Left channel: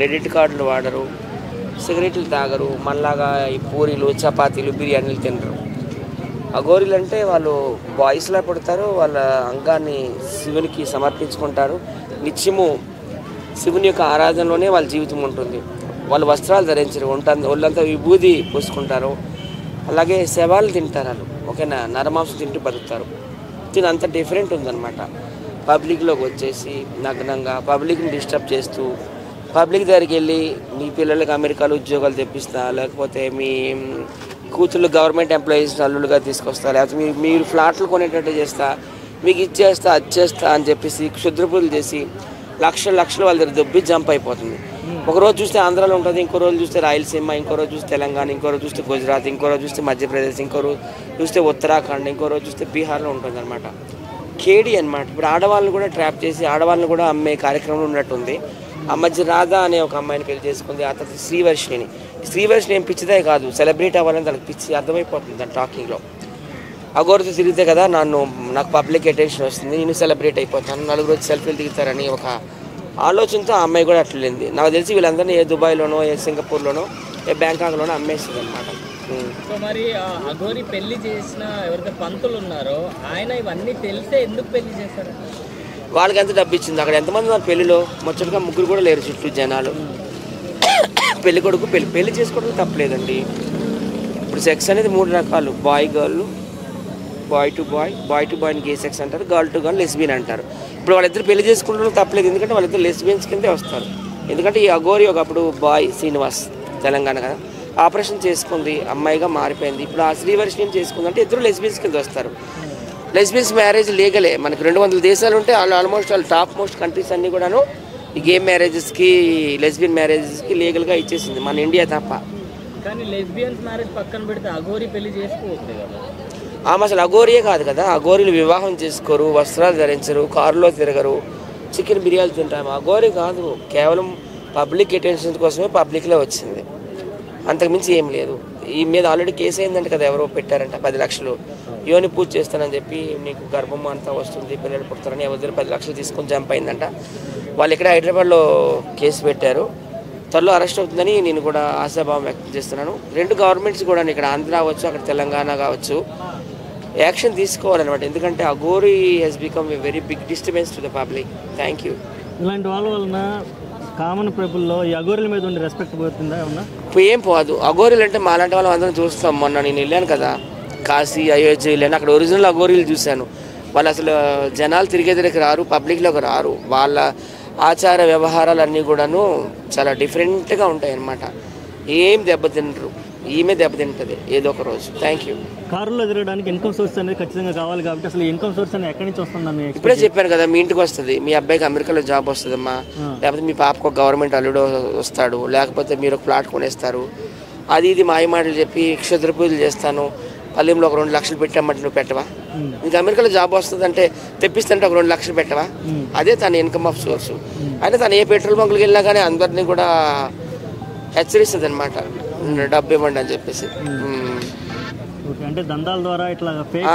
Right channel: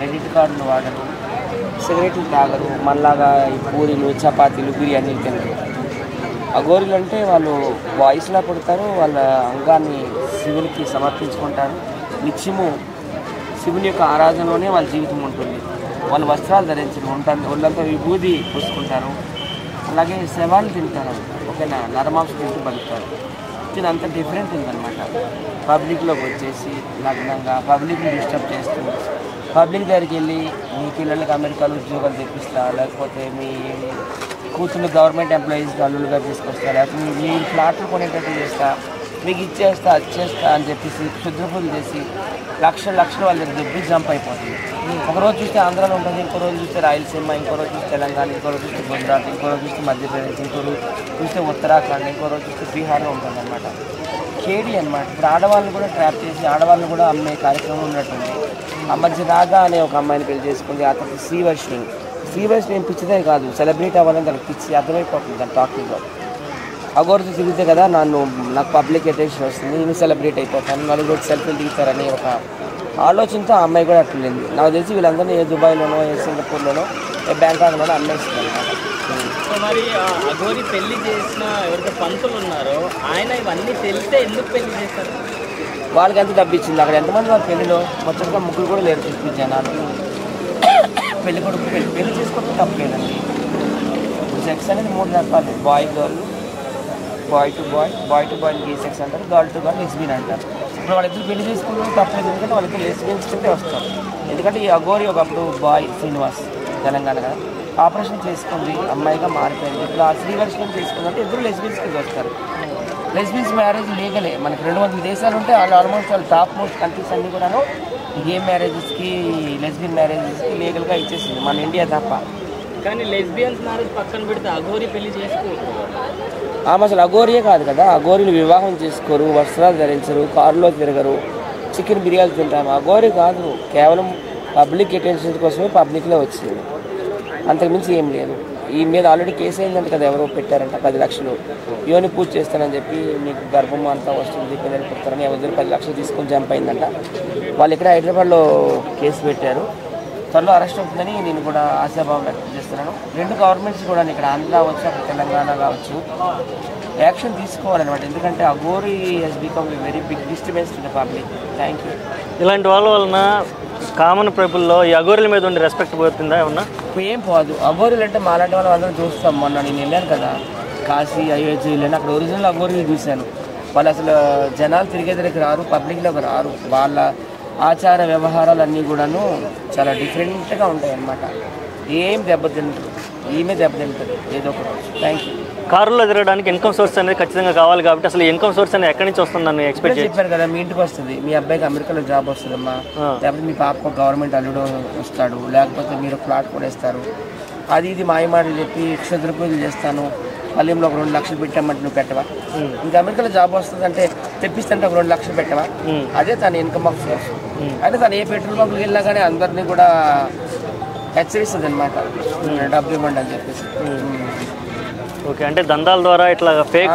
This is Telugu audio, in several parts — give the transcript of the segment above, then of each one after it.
క్రెడిట్ కార్డులు వాడరు, సిగరెట్లు తాగరు, మనలాగా ఈ పూరీలు చపాతీలు బిర్యానీలు తినరు. అఘోరీలు అంటే వాళ్ళు బాయ్స్లా పుడతారు, వాళ్ళ అంగాన్ని శివునికి సమర్పించుకుంటారు. నిత్యము శివుని యొక్క ఆరాధనలోనే వాళ్ళ జీవితం ఉంటుంది. వాళ్ళు వస్త్రాలు ధరించరు, ఒళ్ళంతా విభూది పూసుకుంటారు. అలాగే శవాలు తింటారు, ఓకేనా, నరమాంసం తింటూ బతుకుతారు. దీని అంత డిఫరెంట్ ఉందన్నమాట. పబ్లిక్లోకి వచ్చేసి నగ్నంగా పబ్లిక్ని డిస్టర్బ్ చేస్తూ పబ్లిక్ దగ్గరికి వెళ్ళి మీ పిల్లలకి అమెరికాలో ఉద్యోగాలు తెప్పిస్తా, లేకపోతే మీ కూతుళ్ళు గవర్నమెంట్ ఎంప్లాయీస్ అల్లులుగా తీసుకొస్తా, లేకపోతే మీరు ఫ్లాట్లు కొనేటట్టు చేస్తా, మీకు ఇచ్చేస్తా అచ్చేస్తా అని చెప్పేసి క్షుద్రపూజలు చేసి లక్షలు వాళ్ళ దగ్గర దొబ్బి జంప్ అయిపోతుంది. ఒకరోజు చూస్తే ఆంధ్రాలో ఉంటుంది, ఇంకో రోజు చూస్తే రాయలసీమ, ఇంకో రోజు చూస్తే తెలంగాణ, ఇంకో రోజు చూస్తే గుజరాత్, ఇంకో రోజు చూస్తే మధ్యప్రదేశ్, ఇంకో రోజు చూస్తే ఉత్తరాఖండ్, ఇంకో రోజు చూస్తే బీహార్లో ఉంటుంది అనమాట. కేడీ అనమాట. ఇప్పుడు ఆడవాళ్ళని కూడా ట్రాప్ చేసి ఆడవాళ్ళని కూడా అమ్మే కార్యక్రమం ఉన్నట్టుంది. ఆ మధ్య రాధా అనే ఒక అమ్మాయిని పెళ్లి చేసుకుంది, అతను శ్రీవర్షిని ఏం పిచ్చిదే కాదు, సెలబ్రేట్ అవ్వాలని తనకు పిచ్చి అర్థమైపోతుంది ఆ టాకింగ్లో. అఘోరితో తిరిగితే కదా నాకు పబ్లిక్ అటెన్షన్ వస్తుంది, నేను సెలబ్రేట్ అయిపోతాను, నలుగురు వచ్చి సెల్ఫీ దిగుతారని ఒక ఆలోచనతో ఆ అమ్మాయి కూడా అట్లేదు. నాకు తెలిసి వీళ్ళందరినీ ఏ దుబాయ్లోనో ఏ సింగపూర్లోనో ఏ బ్యాంకాక్లోనో అమ్మేస్తుంది అనమాట. సో మరి అఘోరి పెళ్లి చేసిన ఎవరైతే పంతులు ఉన్నారో ఆయన ఇవన్నీ తెలిస్తే ఎందుకు పెళ్లి చేస్తారు? వాళ్ళకి ఎంత డబ్బు ఇచ్చింది, అక్కడ ఎంతమంది వాళ్ళ పెళ్లిలో మొత్తంగా ముగ్గురు కూడా లేరు చుట్టూ జనాలు. పెళ్లి కొడుకు పెళ్లి చేసుకోవడం తప్పలేదండి. ఇప్పుడు సెక్స్ అనేది 3 రకాలు, boy girl, boy to boy gay sex అంటారు, గర్ల్ టు గర్ల్ లెస్బియన్ అంటారు. ఇప్పుడు వాళ్ళిద్దరు పెళ్లి చేసుకుంటూ తప్పలేదు, ఎందుకంటే వాళ్ళిద్దరు లెస్బియన్స్ కిందే వస్తారు. ఎందుకంటే ఈ అఘోరి ఒకప్పుడు బాయ్ శ్రీనివాస్ తెలంగాణ కదా, ఆపరేషన్ చేసుకుంది, అమ్మాయిగా మారిపోయింది. ఇప్పుడు ఆ శ్రీవర్షిని చేసుకుందంటే ఇద్దరు లెస్బియన్స్ కింద వస్తారు. లెస్బియన్స్ మ్యారేజ్ లీగలే, మనకు 200 దేశాలు ఉంటే ఆల్మోస్ట్ వాళ్ళు టాప్ మోస్ట్ కంట్రీస్ అన్నీ కూడాను ఈ గేమ్ మ్యారేజెస్కి లెస్బియన్ మ్యారేజెస్కి లీగల్గా ఇచ్చేసింది, మన ఇండియా తప్ప. కానీ లెస్బియన్స్ మ్యారేజ్ పక్కన పెడితే అఘోరి పెళ్లి చేసుకోవచ్చు. ఆమె అసలు అఘోరియే కాదు కదా, అఘోరీలు వివాహం చేసుకోరు, వస్త్రాలు ధరించరు, కారులో తిరగరు, చికెన్ బిర్యానీ తింటారు. అఘోరి కాదు, కేవలం పబ్లిక్ అటెన్షన్ కోసమే పబ్లిక్లో వచ్చింది, అంతకుమించి ఏం లేదు. ఈ మీద ఆల్రెడీ కేసు అయిందంటే కదా, ఎవరో పెట్టారంట 10 లక్షలు యోని పూజ చేస్తానని చెప్పి మీకు గర్భం అంతా వస్తుంది, పిల్లలు పుడతారని ఎవరి 10 లక్షలు తీసుకొని జంప్ అయిందంట. వాళ్ళు ఇక్కడ హైదరాబాద్లో కేసు పెట్టారు, త్వరలో అరెస్ట్ అవుతుందని నేను కూడా ఆశాభావం వ్యక్తం చేస్తున్నాను. 2 గవర్నమెంట్స్ కూడా ఇక్కడ ఆంధ్ర అవ్వచ్చు, అక్కడ తెలంగాణ కావచ్చు, యాక్షన్ తీసుకోవాలన్నమాట. ఎందుకంటే aghori he's become a very big disturbance to the public. Thank you. ఇలాంటి వాళ్ళ వలన కామన్ పీపుల్లో ఈ అఘోరీల మీద ఉండే రెస్పెక్ట్ పోతుందా ఏమన్నా? ఏం పోదు. అఘోరీలు అంటే మాలాంటి వాళ్ళం అందరం చూస్తాం. మొన్న నేను వెళ్ళాను కదా కాశీ, అయోధ్య వెళ్ళాను, అక్కడ ఒరిజినల్ అఘోరీలు చూశాను. వాళ్ళు అసలు జనాలు తిరిగేదిరికి రారు, పబ్లిక్లోకి రారు. వాళ్ళ ఆచార వ్యవహారాలన్నీ కూడాను చాలా డిఫరెంట్గా ఉంటాయి అన్నమాట. ఏం దెబ్బతింటారు, ఈమె దెబ్బతింటుంది ఏదో ఒక రోజు. Thank you. కారులో తిరగడానికి ఇన్కమ్ సోర్స్ అనేది ఖచ్చితంగా కావాలి కాబట్టి అసలు ఇన్కమ్ సోర్స్ అనేది ఎక్కడి నుంచి వస్తుందని ఎక్స్పెక్ట్ చెప్పాను కదా, మీ ఇంటికి వస్తుంది, మీ అబ్బాయికి అమెరికాలో జాబ్ వస్తుందమ్మా, లేకపోతే మీ పాపకు ఒక గవర్నమెంట్ అల్లుడు వస్తాడు, లేకపోతే మీరు ఫ్లాట్ కొనేస్తారు. అది ఇది మాయమాటలు చెప్పి క్షుద్ర పూజలు చేస్తాను, పల్లెంలో ఒక 2 లక్షలు పెట్టామంటే నువ్వు పెట్టవా? ఇంకా అమెరికాలో జాబ్ వస్తుందంటే తెప్పిస్తుంటే ఒక 2 లక్షలు పెట్టవా? అదే తన ఇన్కమ్ ఆఫ్ సోర్స్. అయితే తను ఏ పెట్రోల్ బంకులకు వెళ్ళినా కానీ అందరినీ కూడా హెచ్చరిస్తుంది అనమాట, డబ్బు ఇవ్వండి అని చెప్పేసి. ఓకే, అంటే దందాల ద్వారా ఇట్లా ఫేక్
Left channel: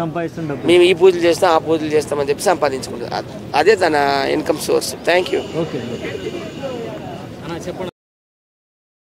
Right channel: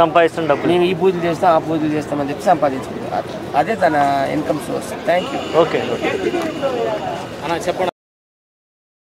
సంపాదిస్తుంది డబ్బు. మేము ఈ పూజలు చేస్తాం, ఆ పూజలు చేస్తామని చెప్పి సంపాదించుకుంటాం. అదే తన income source. Thank you. Okay, చెప్పండి.